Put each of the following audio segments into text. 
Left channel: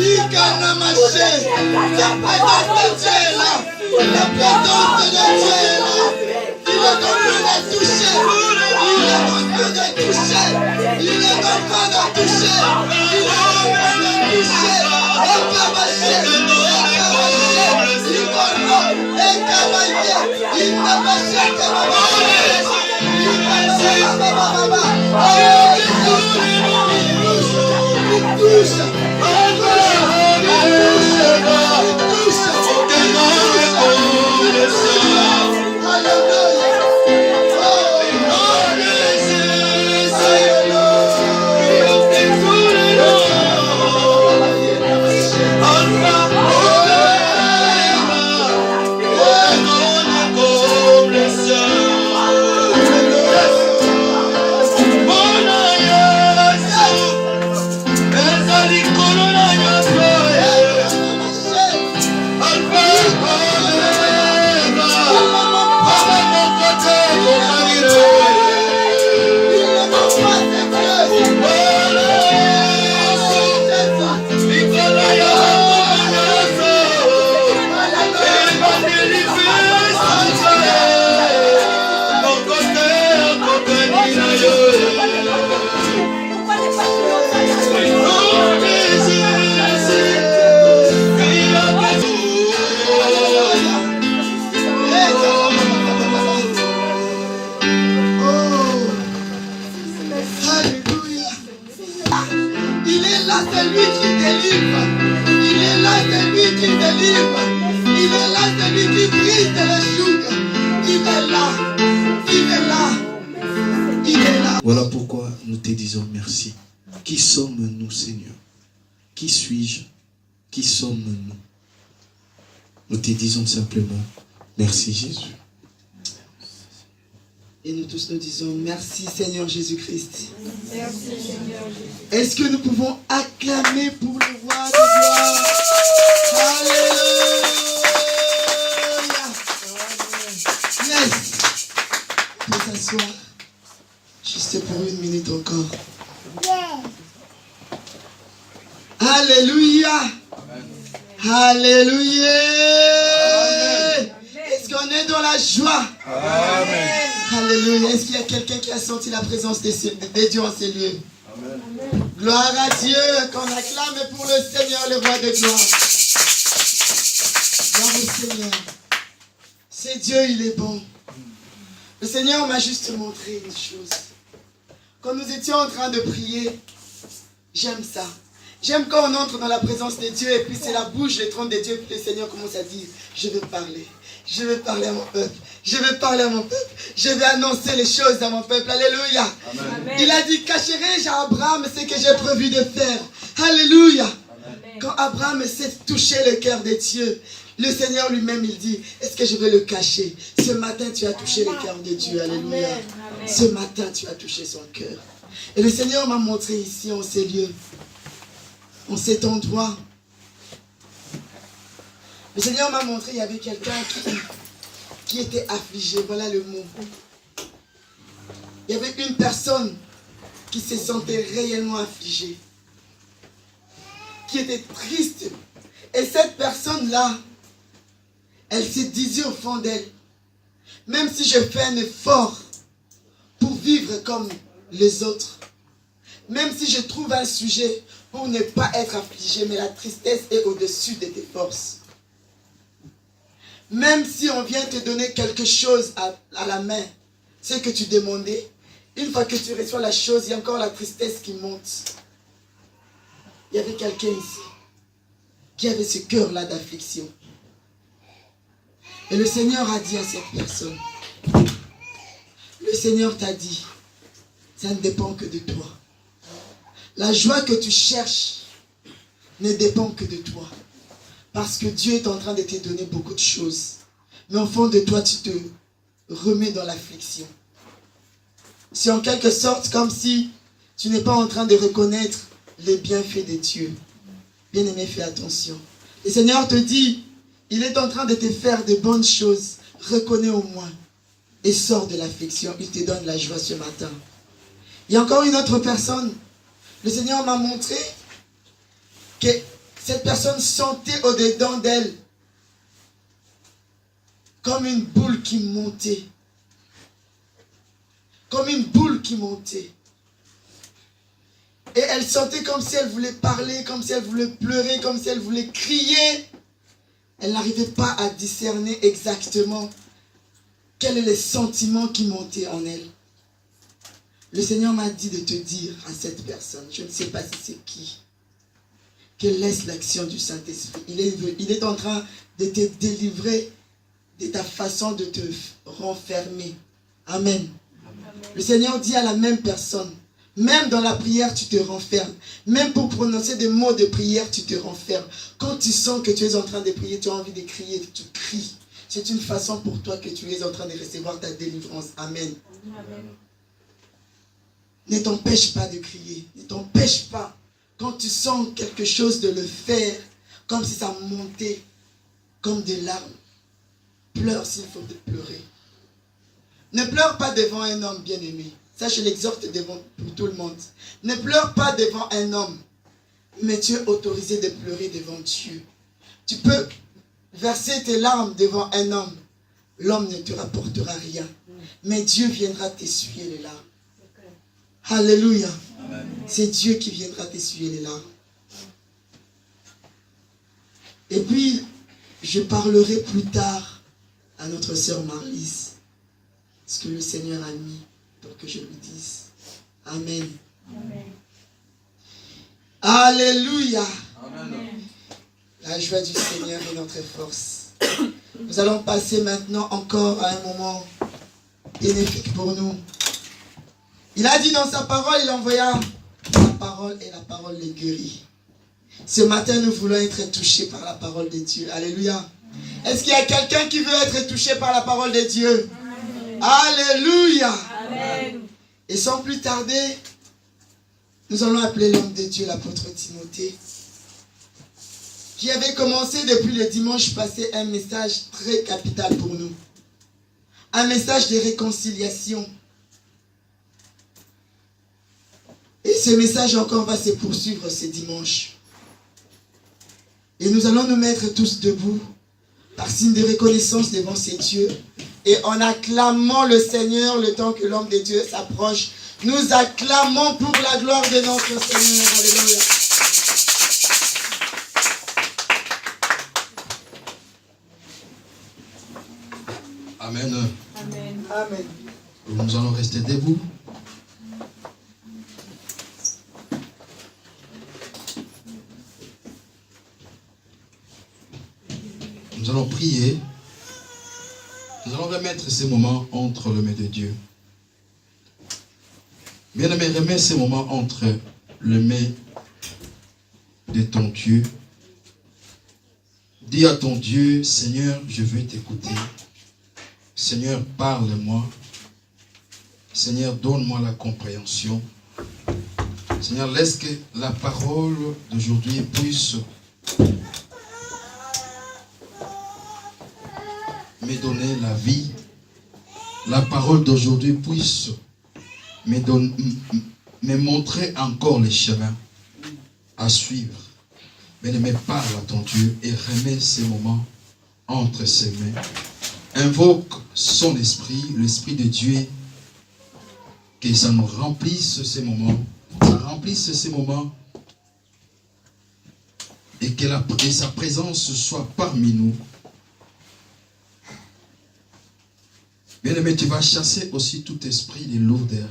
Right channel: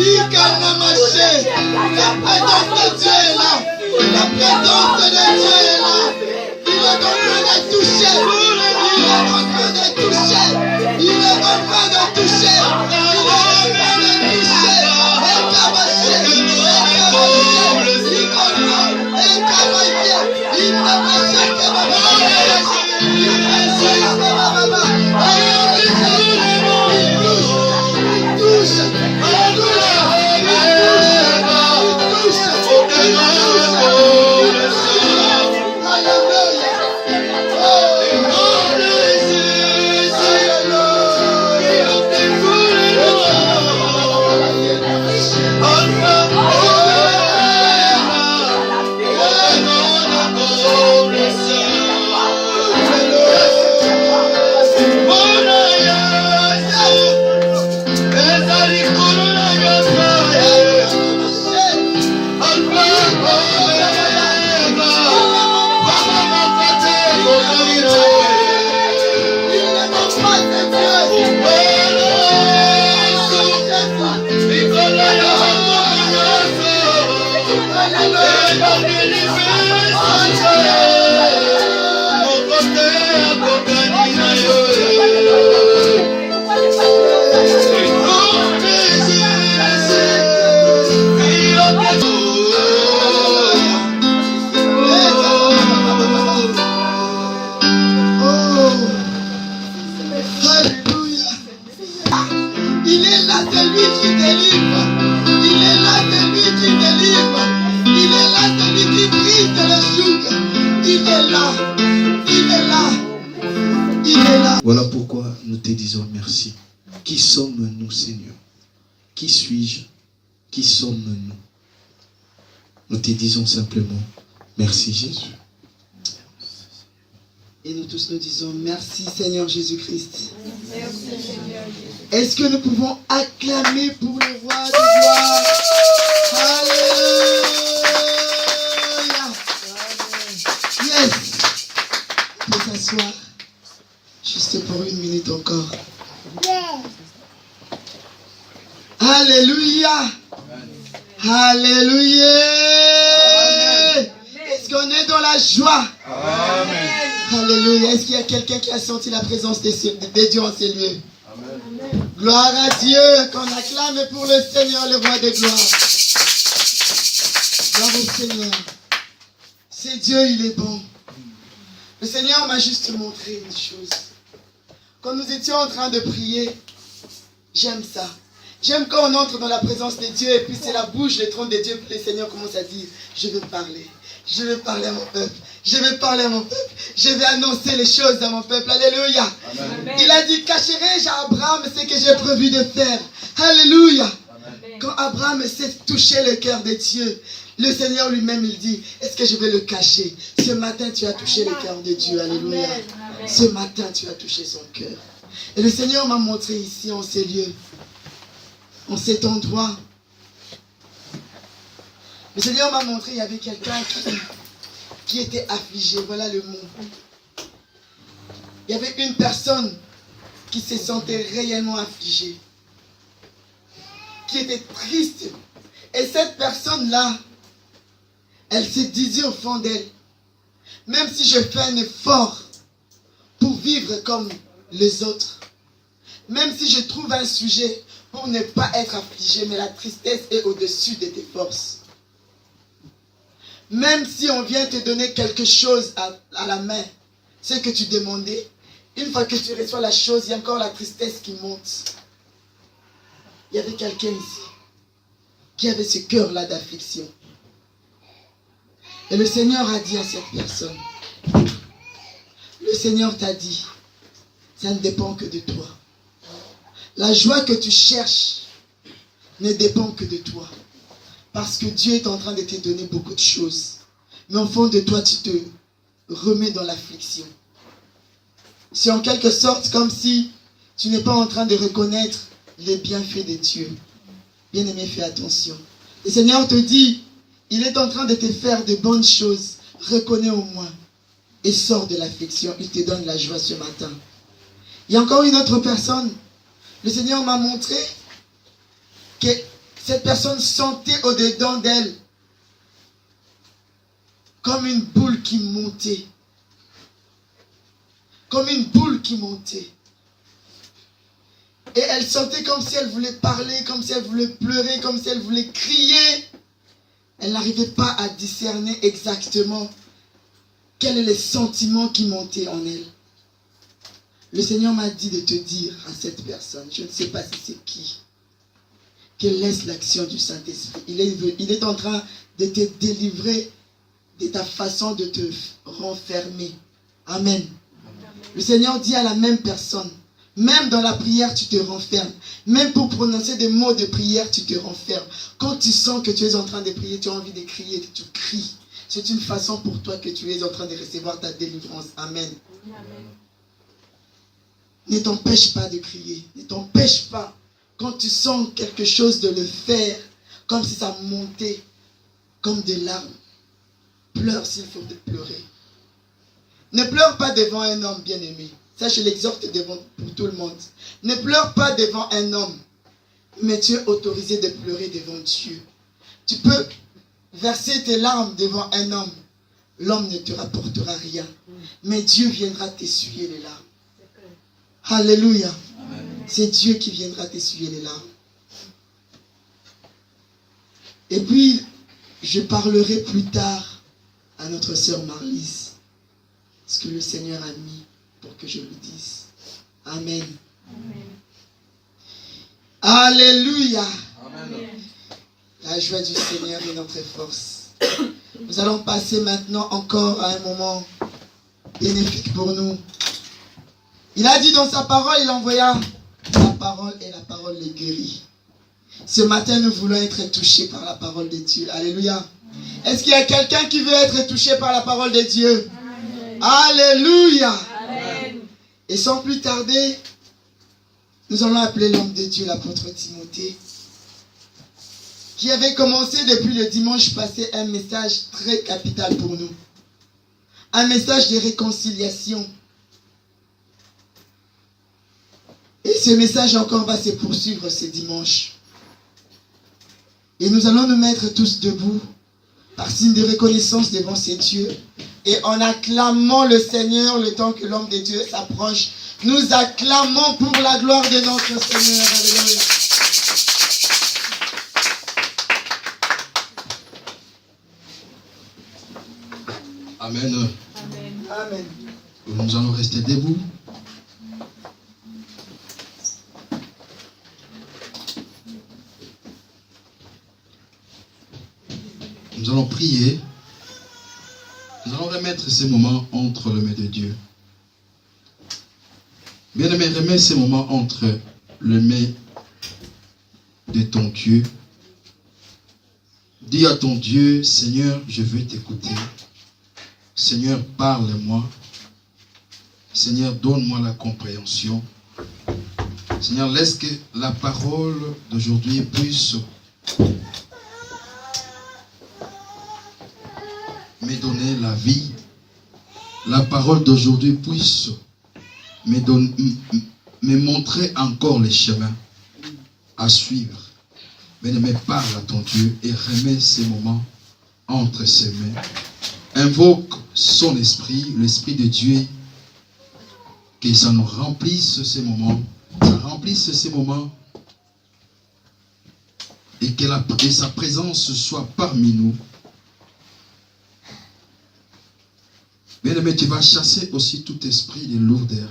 La présence de Dieu est là. La présence de Dieu est là. Il est en train de toucher. Il est en train de toucher. Il est en train de toucher. Il est en train de toucher. Voilà pourquoi nous te disons merci. Qui sommes-nous, Seigneur? Qui suis-je? Qui sommes-nous? Nous te disons simplement merci, Jésus. Et nous tous nous disons merci, Seigneur Jésus-Christ. Est-ce que nous pouvons acclamer pour le roi de gloire? Alléluia. Yes. On peut s'asseoir. Juste pour une minute encore. Alléluia. Alléluia. Est-ce qu'on est dans la joie? Amen. Alléluia. Est-ce qu'il y a quelqu'un qui a senti la présence de Dieu en ces lieux? Amen. Gloire à Dieu. Qu'on acclame pour le Seigneur, le roi de gloire. Gloire au Seigneur. C'est Dieu, il est bon. Le Seigneur m'a juste montré une chose. Quand nous étions en train de prier, j'aime ça. J'aime quand on entre dans la présence de Dieu et puis c'est la bouche, le trône de Dieu, puis le Seigneur commence à dire, je veux parler. Je veux parler à mon peuple. Je veux parler à mon peuple. Je vais annoncer les choses à mon peuple. Alléluia. Amen. Il a dit, cacherai-je à Abraham ce que j'ai prévu de faire. Alléluia. Amen. Quand Abraham sait toucher le cœur de Dieu, le Seigneur lui-même, il dit, est-ce que je vais le cacher? Ce matin, tu as touché le cœur de Dieu. Alléluia. Amen. Ce matin, tu as touché son cœur. Et le Seigneur m'a montré ici, en ces lieux, en cet endroit. Le Seigneur m'a montré, il y avait quelqu'un qui était affligé. Voilà le mot. Il y avait une personne qui se sentait réellement affligée, qui était triste. Et cette personne-là, elle se disait au fond d'elle, même si je fais un effort pour vivre comme les autres, même si je trouve un sujet pour ne pas être affligé, mais la tristesse est au-dessus de tes forces. Même si on vient te donner quelque chose à la main, ce que tu demandais, une fois que tu reçois la chose, il y a encore la tristesse qui monte. Il y avait quelqu'un ici qui avait ce cœur-là d'affliction. Et le Seigneur a dit à cette personne, le Seigneur t'a dit, ça ne dépend que de toi. La joie que tu cherches ne dépend que de toi. Parce que Dieu est en train de te donner beaucoup de choses. Mais au fond de toi, tu te remets dans l'affliction. C'est en quelque sorte comme si tu n'es pas en train de reconnaître les bienfaits de Dieu. Bien-aimé, fais attention. Le Seigneur te dit, il est en train de te faire de bonnes choses. Reconnais au moins. Et sors de l'affliction. Il te donne la joie ce matin. Il y a encore une autre personne. Le Seigneur m'a montré que cette personne sentait au-dedans d'elle comme une boule qui montait. Comme une boule qui montait. Et elle sentait comme si elle voulait parler, comme si elle voulait pleurer, comme si elle voulait crier. Elle n'arrivait pas à discerner exactement quels étaient les sentiments qui montaient en elle. Le Seigneur m'a dit de te dire à cette personne, je ne sais pas si c'est qui, qu'elle laisse l'action du Saint-Esprit. Il est en train de te délivrer de ta façon de te renfermer. Amen. Le Seigneur dit à la même personne, même dans la prière, tu te renfermes. Même pour prononcer des mots de prière, tu te renfermes. Quand tu sens que tu es en train de prier, tu as envie de crier, tu cries. C'est une façon pour toi que tu es en train de recevoir ta délivrance. Amen. Amen. Ne t'empêche pas de crier. Ne t'empêche pas. Quand tu sens quelque chose, de le faire, comme si ça montait, comme des larmes. Pleure s'il faut te pleurer. Ne pleure pas devant un homme bien-aimé. Ça, je l'exhorte pour tout le monde. Ne pleure pas devant un homme, mais tu es autorisé de pleurer devant Dieu. Tu peux verser tes larmes devant un homme. L'homme ne te rapportera rien, mais Dieu viendra t'essuyer les larmes. Alléluia. C'est Dieu qui viendra t'essuyer les larmes. Et puis, je parlerai plus tard à notre sœur Marlise ce que le Seigneur a mis pour que je vous dise. Amen. Amen. Alléluia. Amen. La joie du Seigneur est notre force. Nous allons passer maintenant encore à un moment bénéfique pour nous. Il a dit dans sa parole, il envoya la parole et la parole les guérit. Ce matin, nous voulons être touchés par la parole de Dieu. Alléluia. Est-ce qu'il y a quelqu'un qui veut être touché par la parole de Dieu? Amen. Alléluia. Amen. Et sans plus tarder, nous allons appeler l'homme de Dieu, l'apôtre Timothée, qui avait commencé depuis le dimanche passé un message très capital pour nous. Un message de réconciliation. Et ce message encore va se poursuivre ce dimanche. Et nous allons nous mettre tous debout par signe de reconnaissance devant ces dieux. Et en acclamant le Seigneur le temps que l'homme de Dieu s'approche, nous acclamons pour la gloire de notre Seigneur. Alléluia. Amen. Amen. Amen. Nous allons rester debout. Nous allons prier. Nous allons remettre ces moments entre les mains de Dieu. Bien-aimé, remets ces moments entre les mains de ton Dieu. Dis à ton Dieu, Seigneur, je veux t'écouter. Seigneur, parle-moi. Seigneur, donne-moi la compréhension. Seigneur, laisse que la parole d'aujourd'hui puisse me donner la vie. La parole d'aujourd'hui puisse me montrer encore les chemins à suivre. Bien-aimé, parle à ton Dieu et remets ces moments entre ses mains. Invoque son esprit, l'esprit de Dieu, que ça nous remplisse ces moments, ça remplisse ces moments et que sa présence soit parmi nous. Bien-aimé, tu vas chasser aussi tout esprit de lourdeur,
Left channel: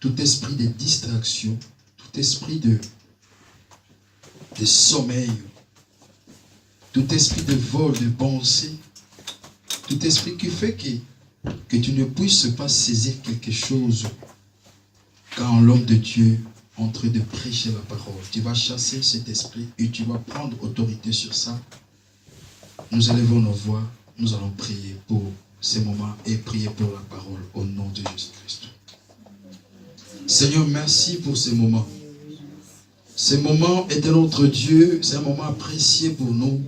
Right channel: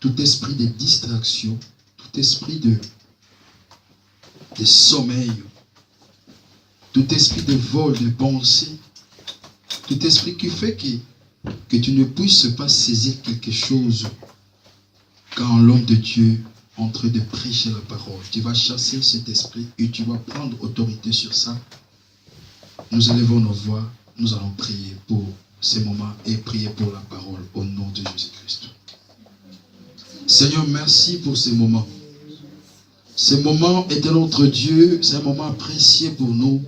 tout esprit de distraction, tout esprit de sommeil, tout esprit de vol, de pensée, tout esprit qui fait que tu ne puisses pas saisir quelque chose quand l'homme de Dieu est en train de prêcher la parole. Tu vas chasser cet esprit et tu vas prendre autorité sur ça. Nous élevons nos voix, nous allons prier pour ces moments et prier pour la parole au nom de Jésus-Christ. Seigneur, merci pour ces moments. Ce moment est notre Dieu, c'est un moment précieux pour nous.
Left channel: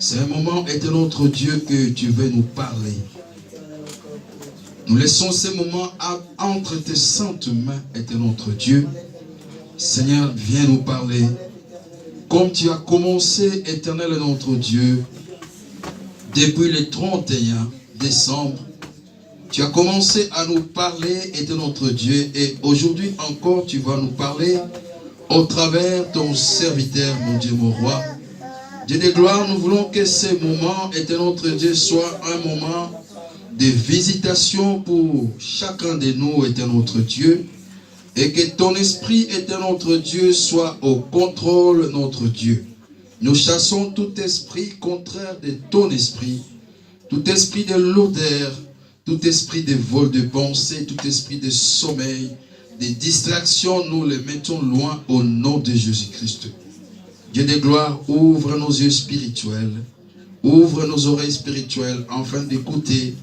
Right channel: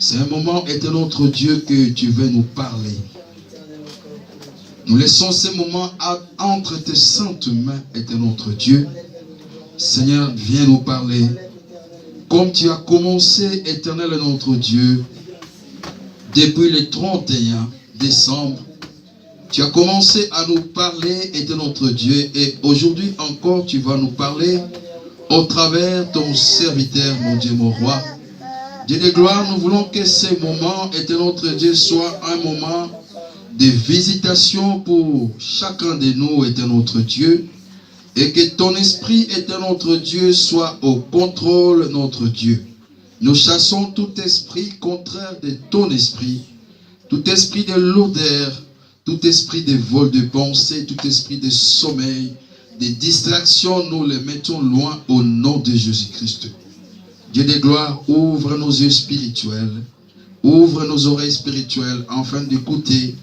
C'est un moment est notre Dieu que tu veux nous parler. Nous laissons ces moments entre tes saintes mains, est notre Dieu. Seigneur, viens nous parler. comme tu as commencé, Éternel notre Dieu, depuis le 31 décembre, tu as commencé à nous parler, Éternel notre Dieu, et aujourd'hui encore, tu vas nous parler au travers ton serviteur, mon Dieu, mon roi. Dieu de gloire, nous voulons que ce moment, Éternel notre Dieu, soit un moment de visitation pour chacun de nous, Éternel notre Dieu, et que ton esprit, Éternel notre Dieu, soit au contrôle, notre Dieu. Nous chassons tout esprit contraire de ton esprit, tout esprit de lourdeur, tout esprit de vol de pensée, tout esprit de sommeil, de distraction, nous les mettons loin au nom de Jésus-Christ. Dieu de gloire, ouvre nos yeux spirituels, ouvre nos oreilles spirituelles, afin d'écouter,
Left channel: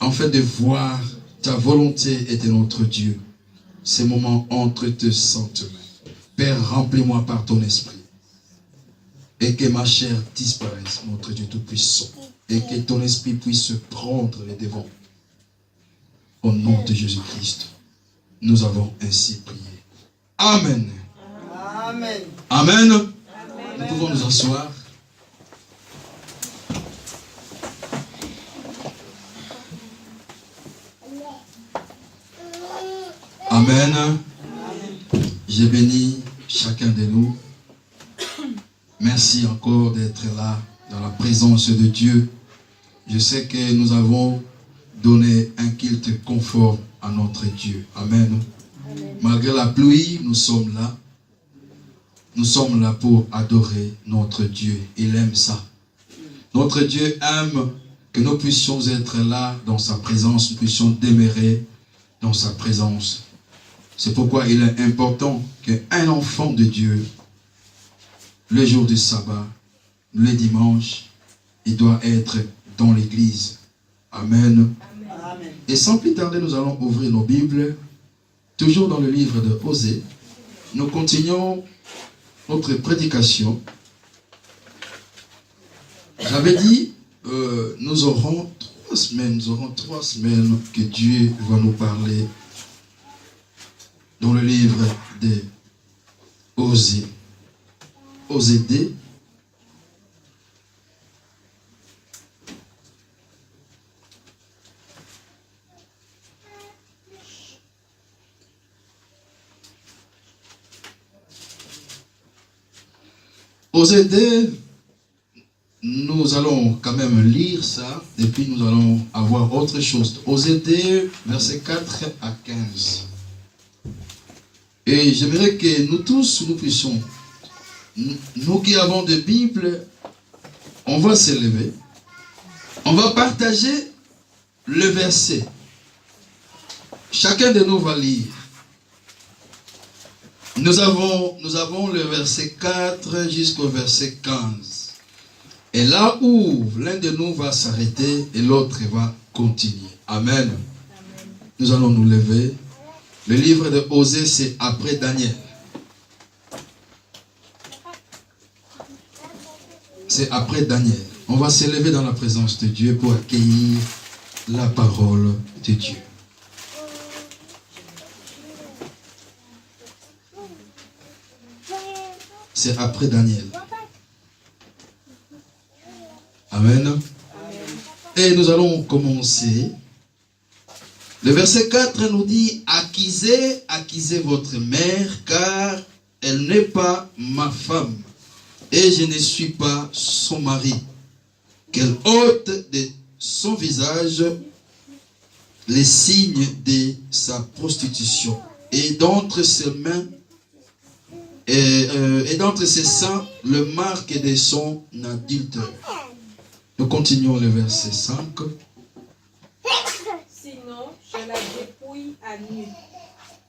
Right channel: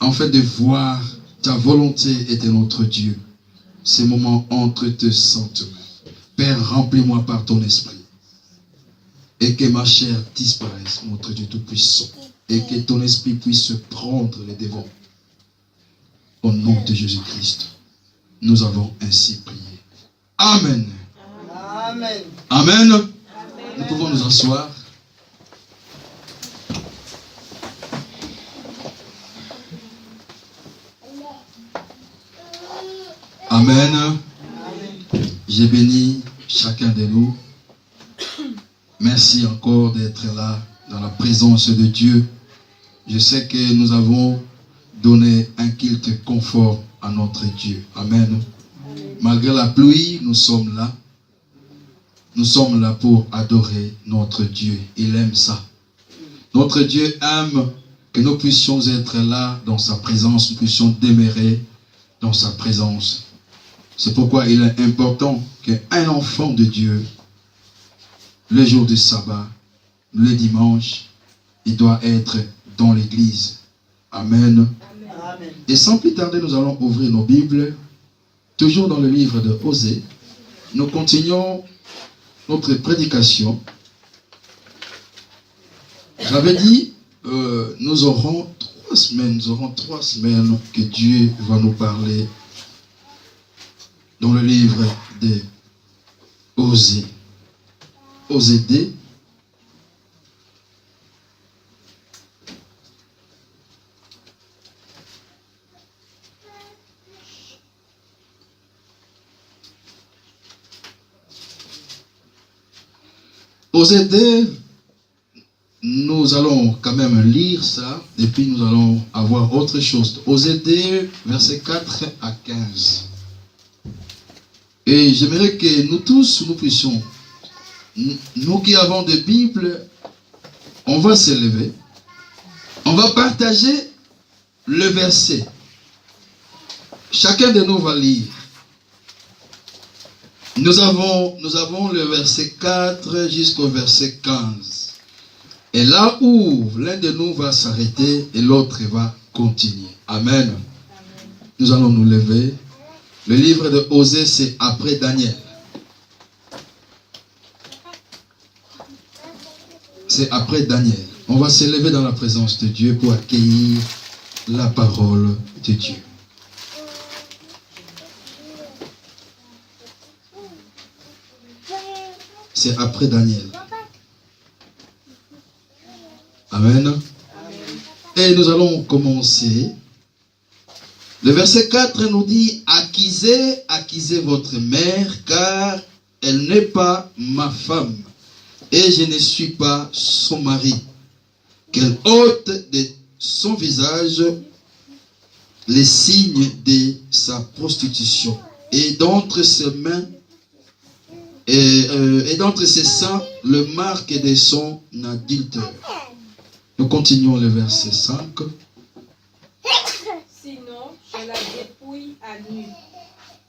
afin de voir ta volonté et de notre Dieu. Ces moments entre tes saintes mains. Père, remplis-moi par ton esprit. Et que ma chair disparaisse, notre Dieu Tout-Puissant. Et que ton esprit puisse prendre les devants. Au nom de Jésus-Christ, nous avons ainsi prié. Amen. Amen. Amen. Nous pouvons nous asseoir. Amen. J'ai béni chacun de nous. Merci encore d'être là dans la présence de Dieu. Je sais que nous avons donné un culte conforme à notre Dieu. Amen. Malgré la pluie, nous sommes là. Nous sommes là pour adorer notre Dieu. Il aime ça. Notre Dieu aime que nous puissions être là dans sa présence, nous puissions demeurer dans sa présence. C'est pourquoi il est important qu'un enfant de Dieu, le jour du sabbat, le dimanche, il doit être dans l'église. Amen. Amen. Et sans plus tarder, nous allons ouvrir nos Bibles, toujours dans le livre de Osée. Nous continuons notre prédication. J'avais dit, nous aurons 3 semaines que Dieu va nous parler dans le livre de Osée. Osée 2. Osée 2, nous allons quand même lire ça, et puis nous allons avoir autre chose. Osée 2, versets 4 à 15. Et j'aimerais que nous tous, nous puissions, nous qui avons des Bibles, on va se lever, on va partager le verset. Chacun de nous va lire. Nous avons le verset 4 jusqu'au verset 15. Et là où l'un de nous va s'arrêter et l'autre va continuer. Amen. Nous allons nous lever. Le livre de Osée, c'est après Daniel. C'est après Daniel. On va se lever dans la présence de Dieu pour accueillir la parole de Dieu. C'est après Daniel. Amen. Et nous allons commencer. Le verset 4 nous dit, accusez, accusez votre mère, car elle n'est pas ma femme, et je ne suis pas son mari. Qu'elle ôte de son visage les signes de sa prostitution, et d'entre ses mains, et d'entre ses seins, le marque de son adultère. Nous continuons le verset 5. Sinon, je la dépouille à nu.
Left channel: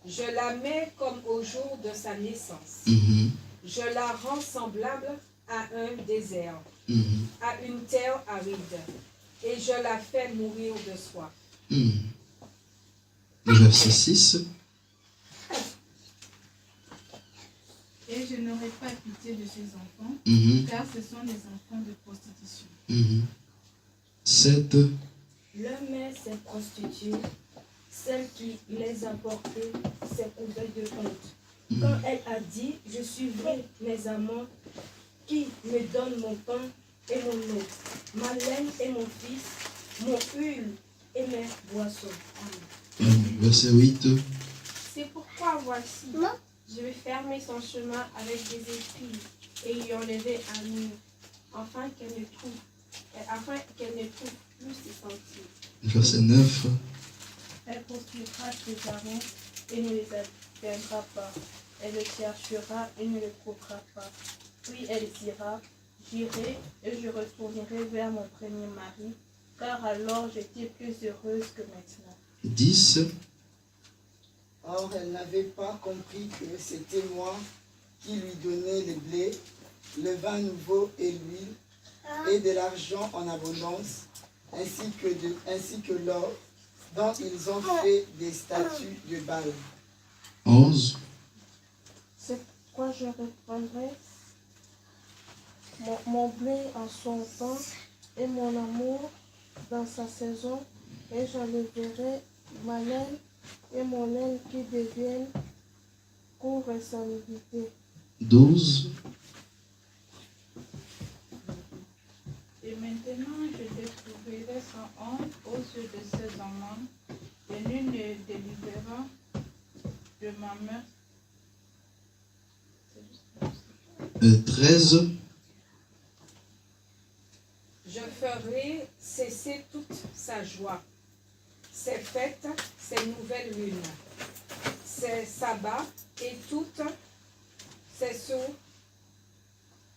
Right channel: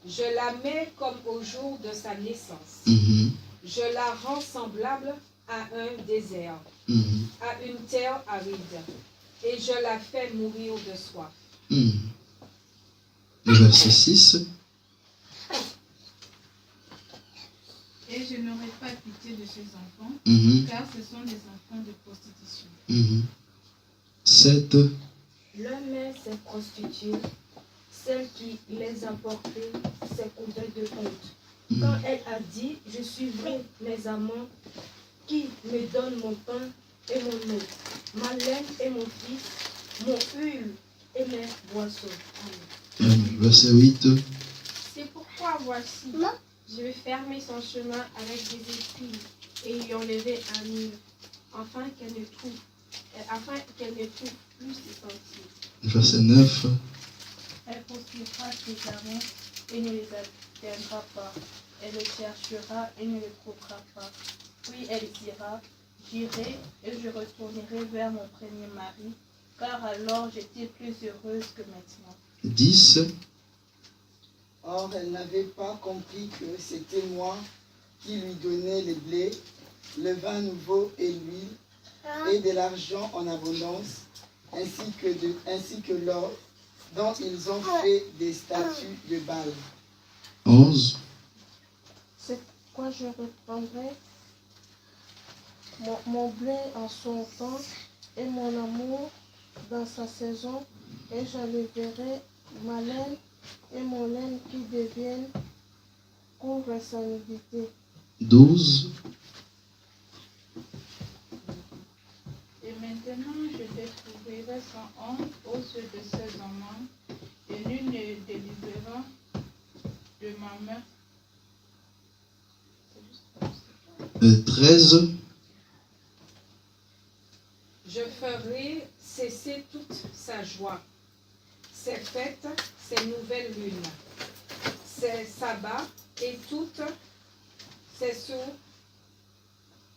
Je la mets comme au jour de sa naissance. Je la rends semblable à un désert, à une terre aride, et je la fais mourir de soif. Le verset 6. Et je n'aurai pas pitié de ces enfants, car ce sont des enfants de prostitution. 7. L'homme s'est prostitué, celle qui les a portés s'est couverte de honte. Quand elle a dit, je suivrai mes amants qui me donnent mon pain et mon eau, ma laine et mon fils, mon huile et mes boissons. Amen. Verset 8. C'est pourquoi voici, je vais fermer son chemin avec des épines et y enlever un mur, afin qu'elle ne trouve plus ses sentiers. Verset 9. Elle poursuivra ses amants et ne les atteindra pas. Elle le cherchera et ne le trouvera pas. Puis elle dira, j'irai et je retournerai vers mon premier mari, car alors j'étais plus heureuse que maintenant. 10. Or, elle n'avait pas compris que c'était moi qui lui donnais le blé, le vin nouveau et l'huile, et de l'argent en abondance, ainsi que l'or, dont ils ont fait des statues de Baal. 11. C'est pourquoi je reprendrai mon blé en son temps et mon amour dans sa saison, et j'enlèverai ma laine et mon laine qui deviennent responsabilité. 12. Et maintenant je détruirai son honte aux yeux de ses amants, et nul ne délivrera de ma main. 13. Je ferai cesser toute sa joie, ses fêtes, ses nouvelles lunes, ses sabbats et toutes ses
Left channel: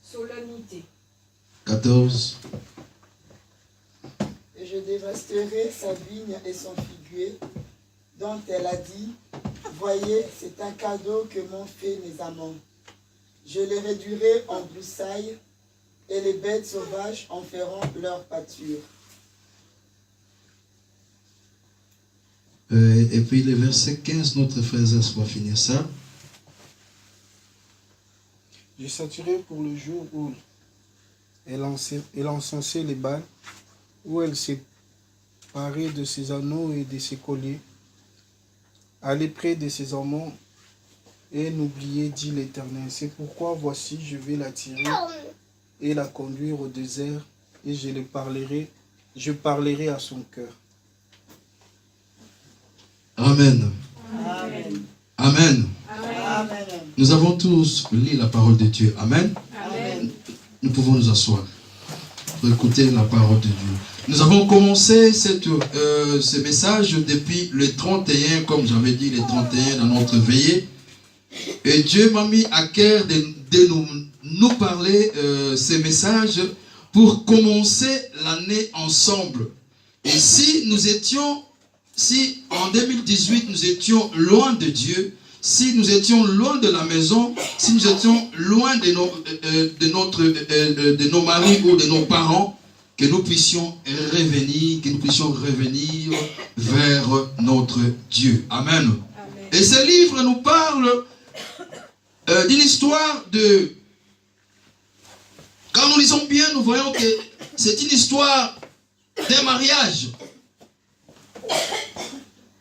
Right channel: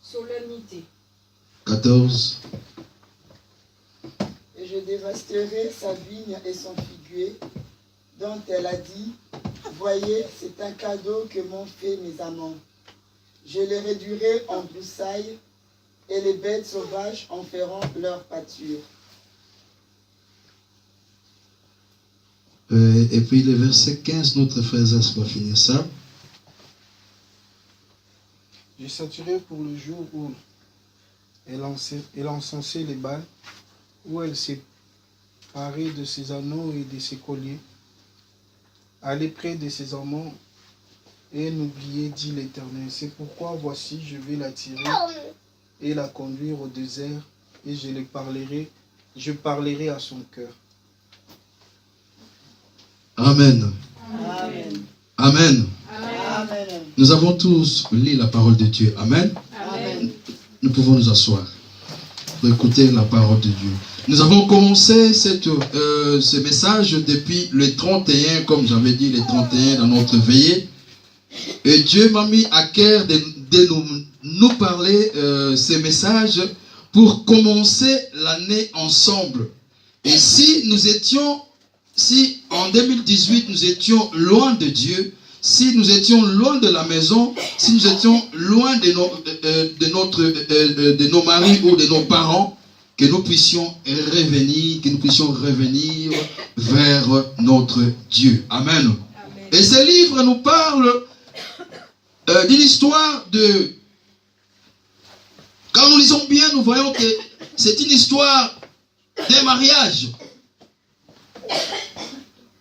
solennités. 14. Et je dévasterai sa vigne et son figuier, dont elle a dit, voyez, c'est un cadeau que m'ont fait mes amants. Je les réduirai en broussailles, et les bêtes sauvages en feront leur pâture. Et puis le verset 15, notre frère Zès va finir ça. J'ai saturé pour le jour où elle encensait les Baals, où elle s'est parée de ses anneaux et de ses colliers. Allez près de ses amants et n'oubliez, dit l'Éternel. C'est pourquoi voici, je vais la tirer et la conduire au désert, et je parlerai à son cœur. Amen. Amen. Amen. Amen. Nous avons tous lu la parole de Dieu. Amen. Amen. Nous pouvons nous asseoir pour écouter la parole de Dieu. Nous avons commencé ce message depuis le 31, comme j'avais dit, le 31 dans notre veillée. Et Dieu m'a mis à cœur de nous parler ces messages pour commencer l'année ensemble. Et si en 2018 nous étions loin de Dieu, si nous étions loin de la maison, si nous étions loin de nos maris ou de nos parents, que nous puissions revenir vers notre Dieu. Amen. Amen. Et ce livre nous parle d'une histoire de... Quand nous lisons bien, nous voyons que c'est une histoire d'un mariage.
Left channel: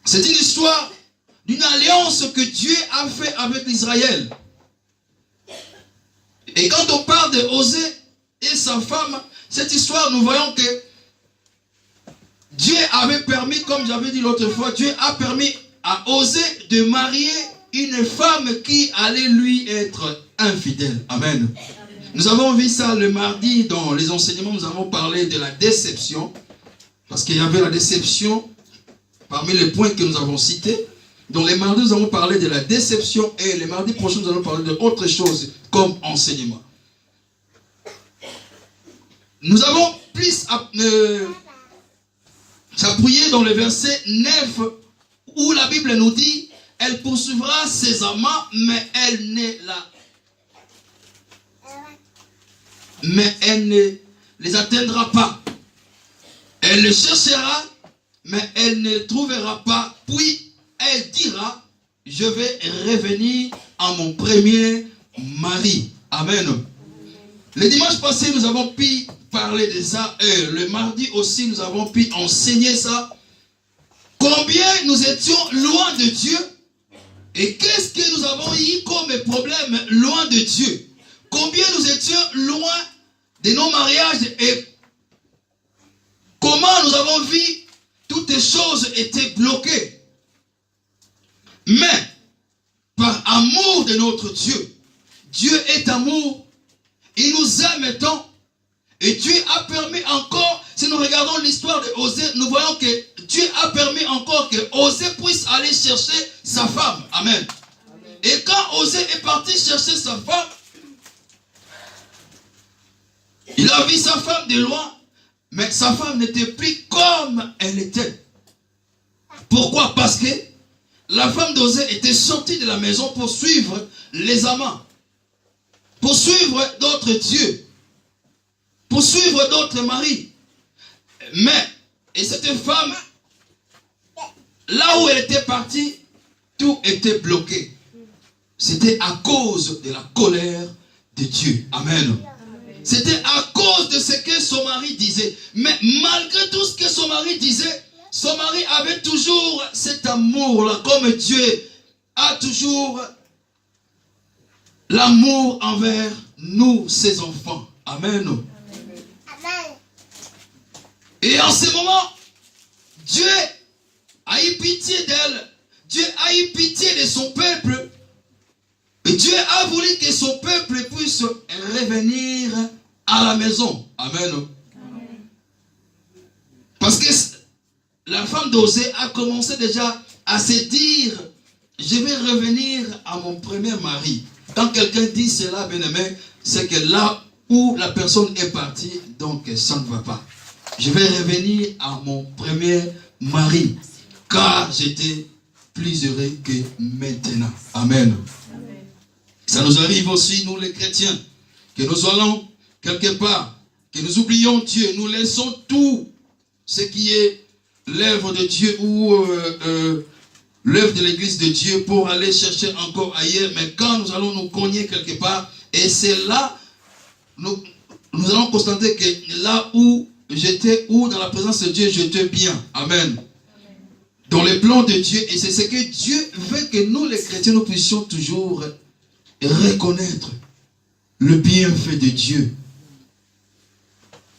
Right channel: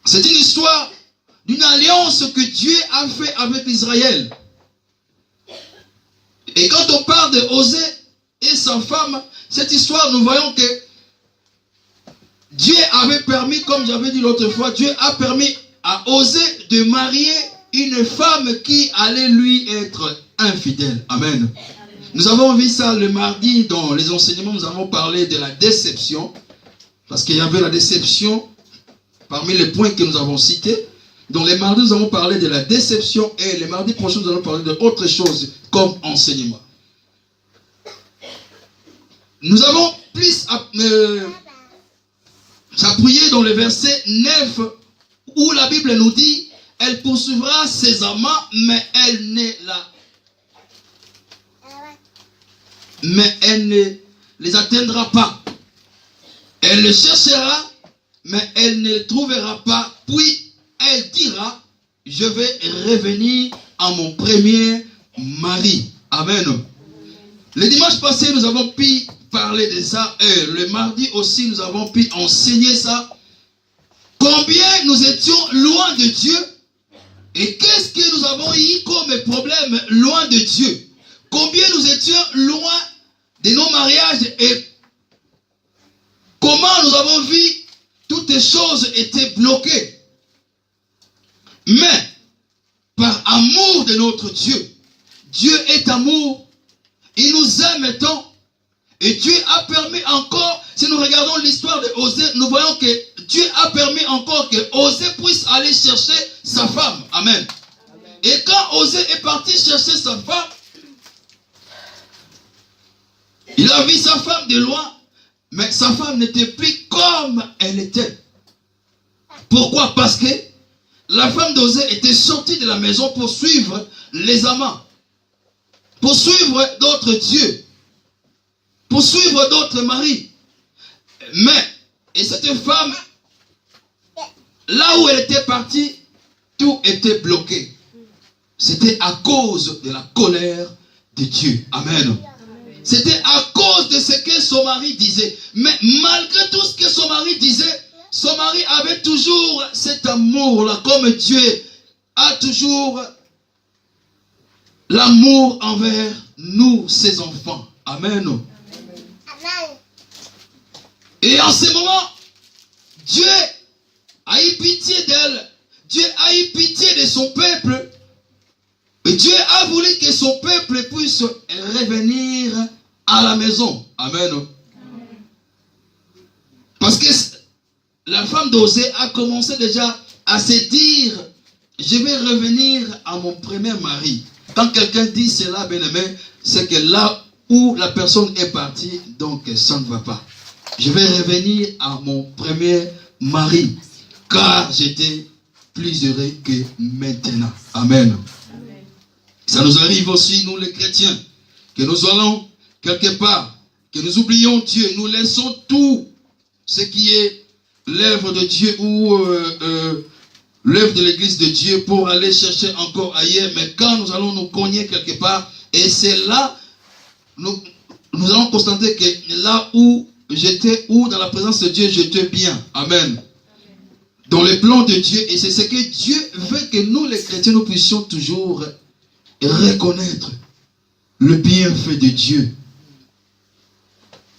C'est une histoire d'une alliance que Dieu a fait avec Israël. Et quand on parle de Osée et sa femme, cette histoire, nous voyons que Dieu avait permis, comme j'avais dit l'autre fois, Dieu a permis à Osée de marier une femme qui allait lui être infidèle. Amen. Nous avons vu ça le mardi dans les enseignements, nous avons parlé de la déception, parce qu'il y avait la déception parmi les points que nous avons cités. Donc les mardis, nous avons parlé de la déception, et les mardis prochains, nous allons parler d'autre chose comme enseignement. Nous avons plus s'appuyer dans le verset 9 où la Bible nous dit, elle poursuivra ses amants, mais elle ne les atteindra pas. Elle le cherchera, mais elle ne trouvera pas. Puis elle dira, je vais revenir à mon premier mari. Amen. Le dimanche passé, nous avons pu parler de ça. Et le mardi aussi, nous avons pu enseigner ça. Combien nous étions loin de Dieu. Et qu'est-ce que nous avons eu comme problème loin de Dieu? Combien nous étions loin de nos mariages et comment nous avons vu toutes les choses étaient bloquées. Mais, par amour de notre Dieu, Dieu est amour, il nous aime tant, et Dieu a permis encore, si nous regardons l'histoire de Osée, nous voyons que Dieu a permis encore que Osée puisse aller chercher sa femme. Amen. Et quand Osée est parti chercher sa femme, il a vu sa femme de loin, mais sa femme n'était plus comme elle était. Pourquoi? Parce que la femme d'Osée était sortie de la maison pour suivre les amants, pour suivre d'autres dieux, pour suivre d'autres maris. Mais, et cette femme, là où elle était partie, tout était bloqué. C'était à cause de la colère de Dieu. Amen. C'était à cause de ce que son mari disait. Mais malgré tout ce que son mari disait, son mari avait toujours cet amour-là, comme Dieu a toujours l'amour envers nous, ses enfants. Amen. Et en ce moment, Dieu a eu pitié d'elle. Dieu a eu pitié de son peuple. Et Dieu a voulu que son peuple puisse revenir à la maison. Amen. Parce que la femme d'Osée a commencé déjà à se dire, je vais revenir à mon premier mari. Quand quelqu'un dit cela, bien aimé, c'est que là où la personne est partie, donc ça ne va pas. Je vais revenir à mon premier mari, car j'étais plus heureux que maintenant. Amen. Amen. Ça nous arrive aussi, nous les chrétiens, que nous allons quelque part, que nous oublions Dieu, nous laissons tout ce qui est l'œuvre de Dieu ou l'œuvre de l'église de Dieu pour aller chercher encore ailleurs. Mais quand nous allons nous cogner quelque part, et c'est là, nous allons constater que là où j'étais, ou dans la présence de Dieu, j'étais bien. Amen. Dans le plan de Dieu, et c'est ce que Dieu veut que nous les chrétiens, nous puissions toujours reconnaître le bienfait de Dieu.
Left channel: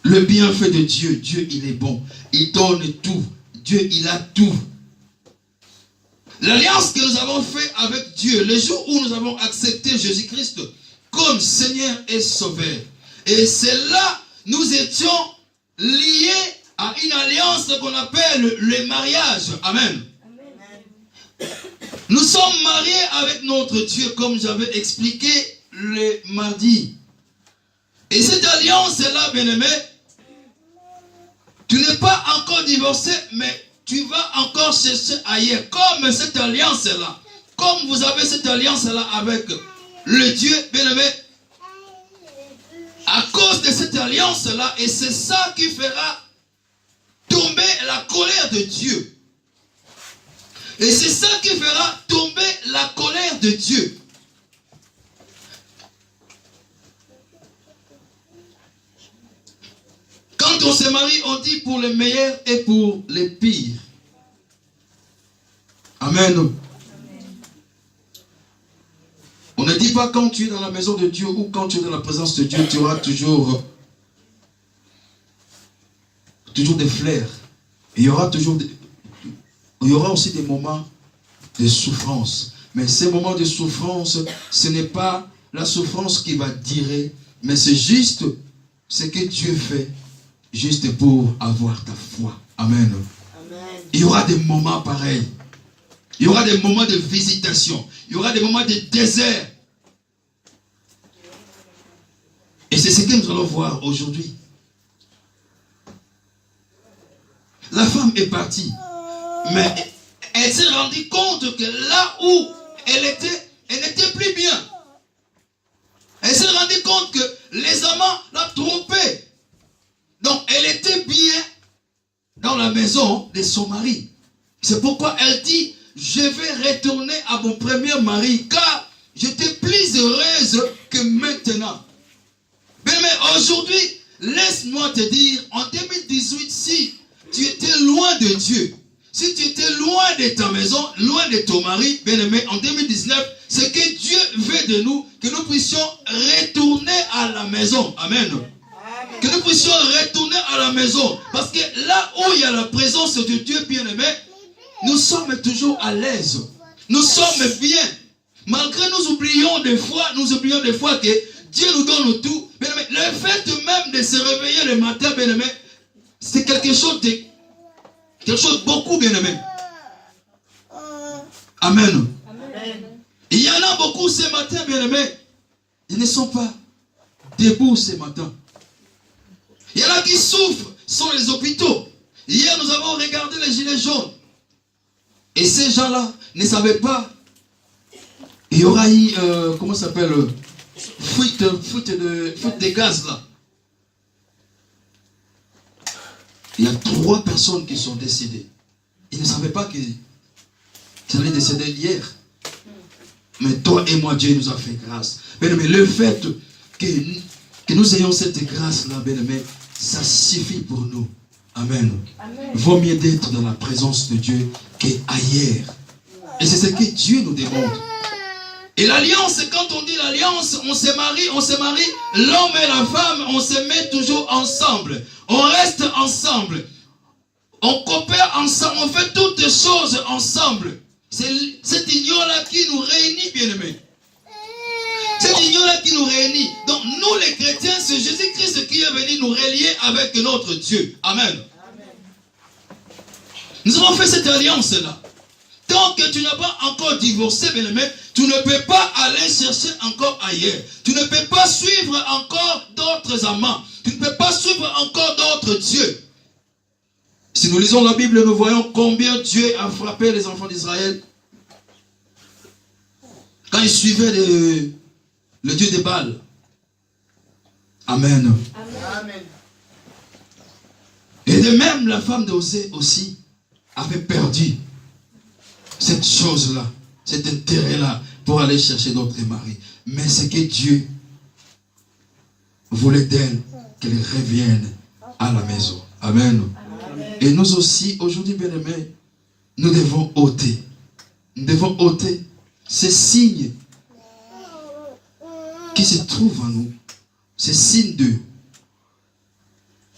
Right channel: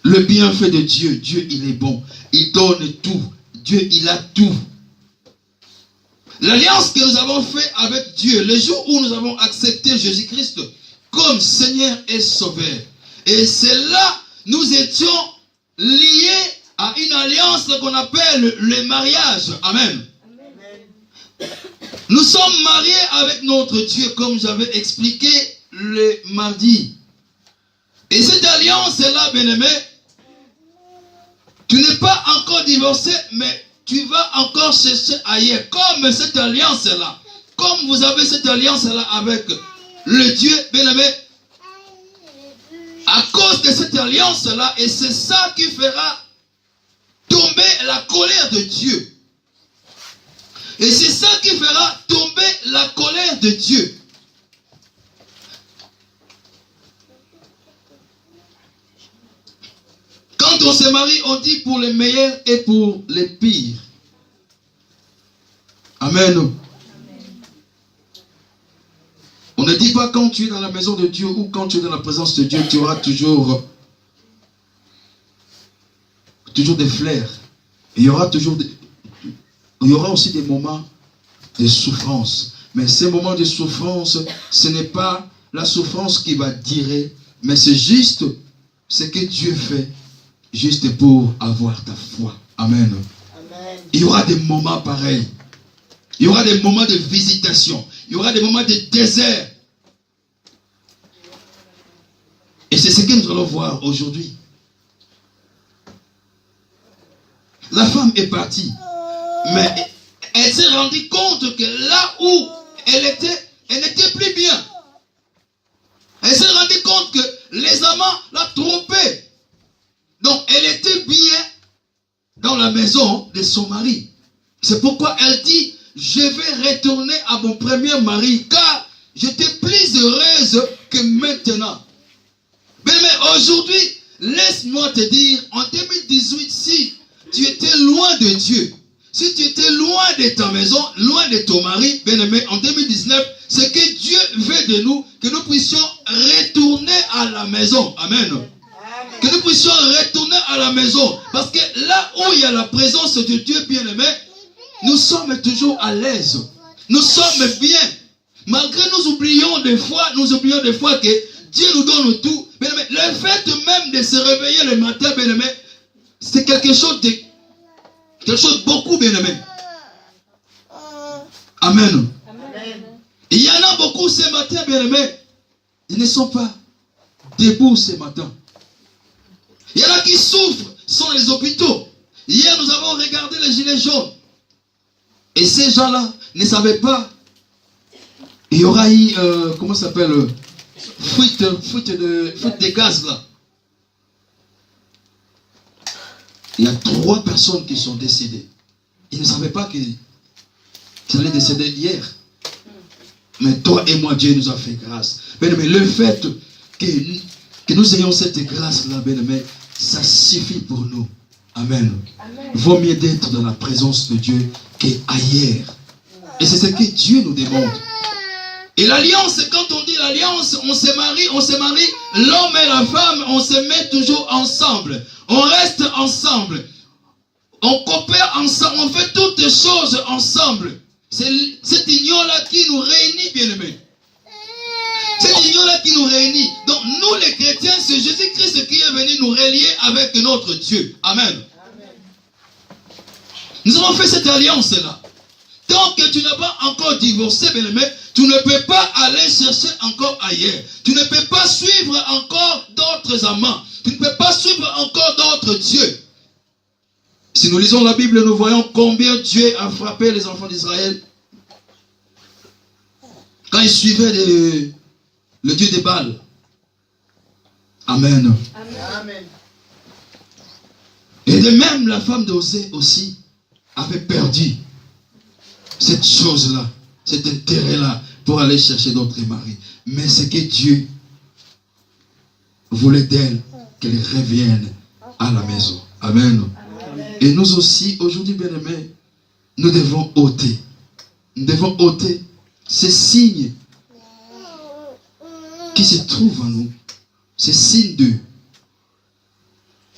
Le bienfait de Dieu. Dieu, il est bon. Il donne tout. Dieu, il a tout. L'alliance que nous avons faite avec Dieu, le jour où nous avons accepté Jésus-Christ comme Seigneur et Sauveur. Et c'est là, nous étions liés à une alliance qu'on appelle le mariage. Amen. Amen. Nous sommes mariés avec notre Dieu, comme j'avais expliqué le mardi. Et cette alliance-là, bien-aimé, tu n'es pas encore divorcé, mais tu vas encore chercher ailleurs. Comme cette alliance-là, comme vous avez cette alliance-là avec le Dieu, bien-aimé, à cause de cette alliance-là, et c'est ça qui fera tomber la colère de Dieu. Et c'est ça qui fera tomber la colère de Dieu. Quand on se marie, on dit pour les meilleurs et pour les pires. Amen. On ne dit pas quand tu es dans la maison de Dieu ou quand tu es dans la présence de Dieu, tu auras toujours des flairs. Il y aura aussi des moments de souffrance. Mais ces moments de souffrance, ce n'est pas la souffrance qui va durer, mais c'est juste ce que Dieu fait, juste pour avoir ta foi. Amen. Amen. Il y aura des moments pareils. Il y aura des moments de visitation. Il y aura des moments de désert. Et c'est ce que nous allons voir aujourd'hui. La femme est partie. Mais elle s'est rendue compte que là où elle n'était plus bien. Elle s'est rendue compte que les amants la trompaient. Donc elle était bien dans la maison de son mari. C'est pourquoi elle dit, je vais retourner à mon premier mari, car j'étais plus heureuse que maintenant. Mais aujourd'hui, laisse-moi te dire, en 2018, si tu étais loin de Dieu, si tu étais loin loin de ta maison, loin de ton mari, bien-aimé, en 2019, ce que Dieu veut de nous, que nous puissions retourner à la maison. Amen. Que nous puissions retourner à la maison. Parce que là où il y a la présence de Dieu, bien-aimé, nous sommes toujours à l'aise. Nous sommes bien. Malgré nous oublions des fois que Dieu nous donne tout. Bien-aimé, le fait même de se réveiller le matin, bien-aimé, c'est quelque chose de beaucoup, bien-aimé. Amen. Amen. Il y en a beaucoup ce matin, bien-aimé. Ils ne sont pas debout ce matin. Il y en a qui souffrent, sont les hôpitaux. Hier, nous avons regardé les gilets jaunes. Et ces gens-là ne savaient pas. Il y aura eu, comment ça s'appelle, fuite de gaz là. Il y a 3 personnes qui sont décédées. Ils ne savaient pas qu'ils allaient décéder hier. Mais toi et moi, Dieu nous a fait grâce. Mais le fait que nous ayons cette grâce-là, bien-aimé, ça suffit pour nous. Amen. Amen. Vaut mieux d'être dans la présence de Dieu qu'ailleurs. Et c'est ce que Dieu nous demande. Et l'alliance, quand on dit l'alliance, on se marie, l'homme et la femme, on se met toujours ensemble. On reste ensemble. On coopère ensemble. On fait toutes les choses ensemble. C'est cette union-là qui nous réunit, bien-aimés. Cette union-là qui nous réunit. Donc nous les chrétiens, c'est Jésus-Christ qui est venu nous relier avec notre Dieu. Amen. Amen. Nous avons fait cette alliance-là. Tant que tu n'as pas encore divorcé, bien-aimé, tu ne peux pas aller chercher encore ailleurs. Tu ne peux pas suivre encore d'autres amants. Tu ne peux pas suivre encore d'autres dieux. Si nous lisons la Bible, nous voyons combien Dieu a frappé les enfants d'Israël quand ils suivaient le Dieu des Baals. Amen. Amen. Et de même, la femme d'Osée aussi avait perdu cette chose-là, cet intérêt-là pour aller chercher d'autres maris. Mais c'est que Dieu voulait d'elle qu'elle revienne à la maison. Amen. Et nous aussi, aujourd'hui, bien-aimés, nous devons ôter. Nous devons ôter ces signes qui se trouvent en nous. Ces signes de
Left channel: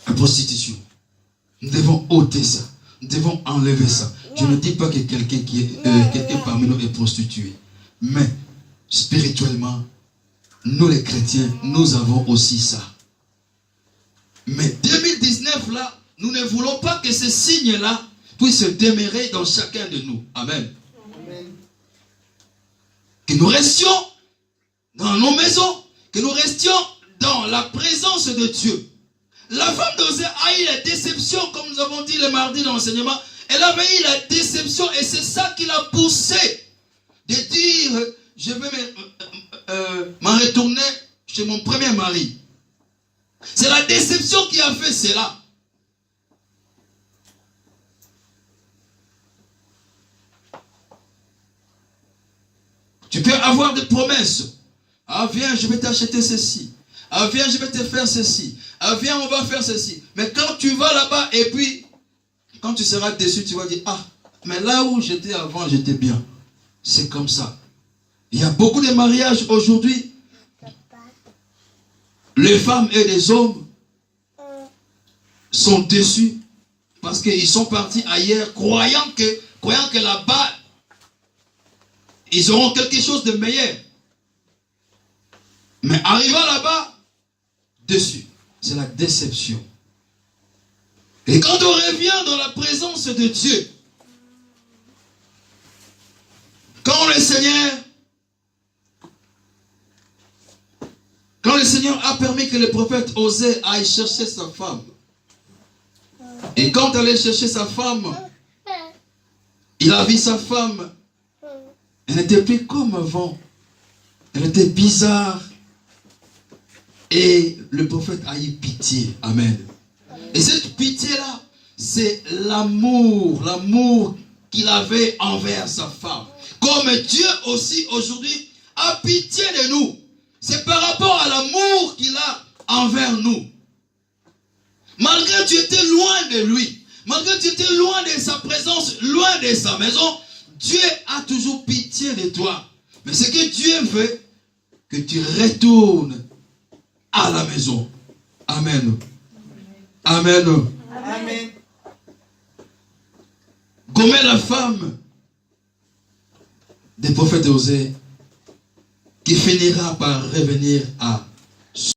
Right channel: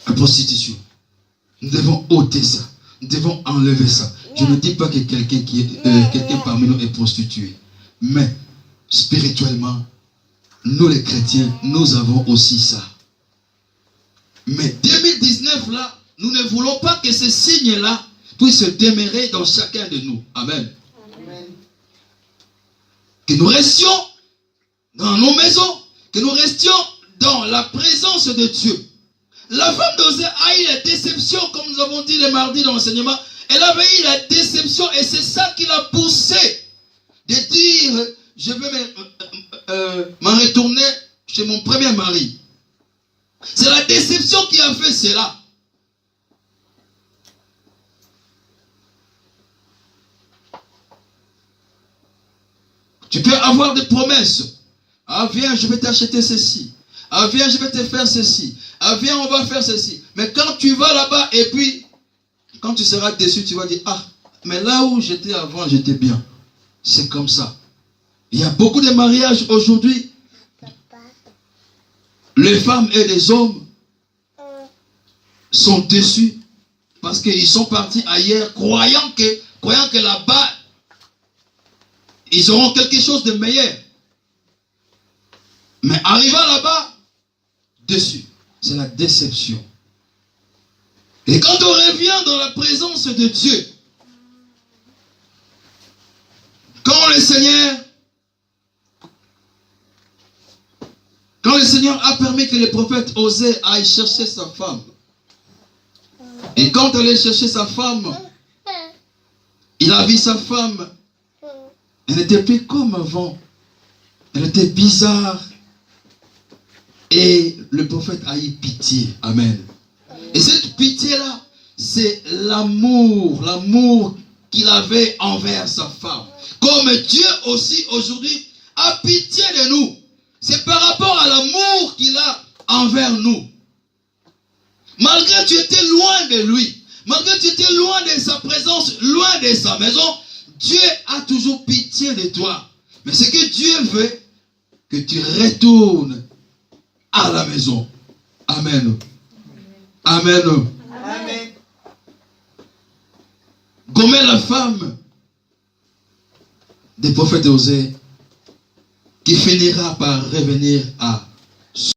la prostitution. Nous devons ôter ça. Nous devons enlever ça. Je ne dis pas que quelqu'un parmi nous est prostitué. Mais spirituellement, nous les chrétiens, nous avons aussi ça. Mais 2019 là, nous ne voulons pas que ces signes-là puissent demeurer dans chacun de nous. Amen. Amen. Que nous restions dans nos maisons, que nous restions dans la présence de Dieu. La femme d'Osée a eu la déception, comme nous avons dit le mardi dans l'enseignement. Elle avait eu la déception et c'est ça qui l'a poussé de dire, je vais m'en retourner chez mon premier mari. C'est la déception qui a fait cela. Tu peux avoir des promesses. Ah viens, je vais t'acheter ceci. Ah viens, je vais te faire ceci. Ah viens, on va faire ceci. Mais quand tu vas là-bas et puis, quand tu seras déçu, tu vas dire, ah, mais là où j'étais avant, j'étais bien. C'est comme ça. Il y a beaucoup de mariages aujourd'hui. Les femmes et les hommes sont déçus parce qu'ils sont partis ailleurs, croyant que là-bas, ils auront quelque chose de meilleur. Mais arrivant là-bas, déçus. C'est la déception. Et quand on revient dans la présence de Dieu, quand le Seigneur a permis que le prophète Osée aille chercher sa femme, et quand elle allait chercher sa femme, il a vu sa femme, elle n'était plus comme avant, elle était bizarre, et le prophète a eu pitié. Amen. Et cette pitié-là, c'est l'amour qu'il avait envers sa femme. Comme Dieu aussi aujourd'hui a pitié de nous. C'est par rapport à l'amour qu'il a envers nous. Malgré que tu étais loin de lui, Malgré que tu étais loin de sa présence, loin de sa maison, Dieu a toujours pitié de toi. Mais ce que Dieu veut, que tu retournes à la maison. Amen. Amen. Amen. Gomer, la femme des prophètes Osée, qui finira par revenir à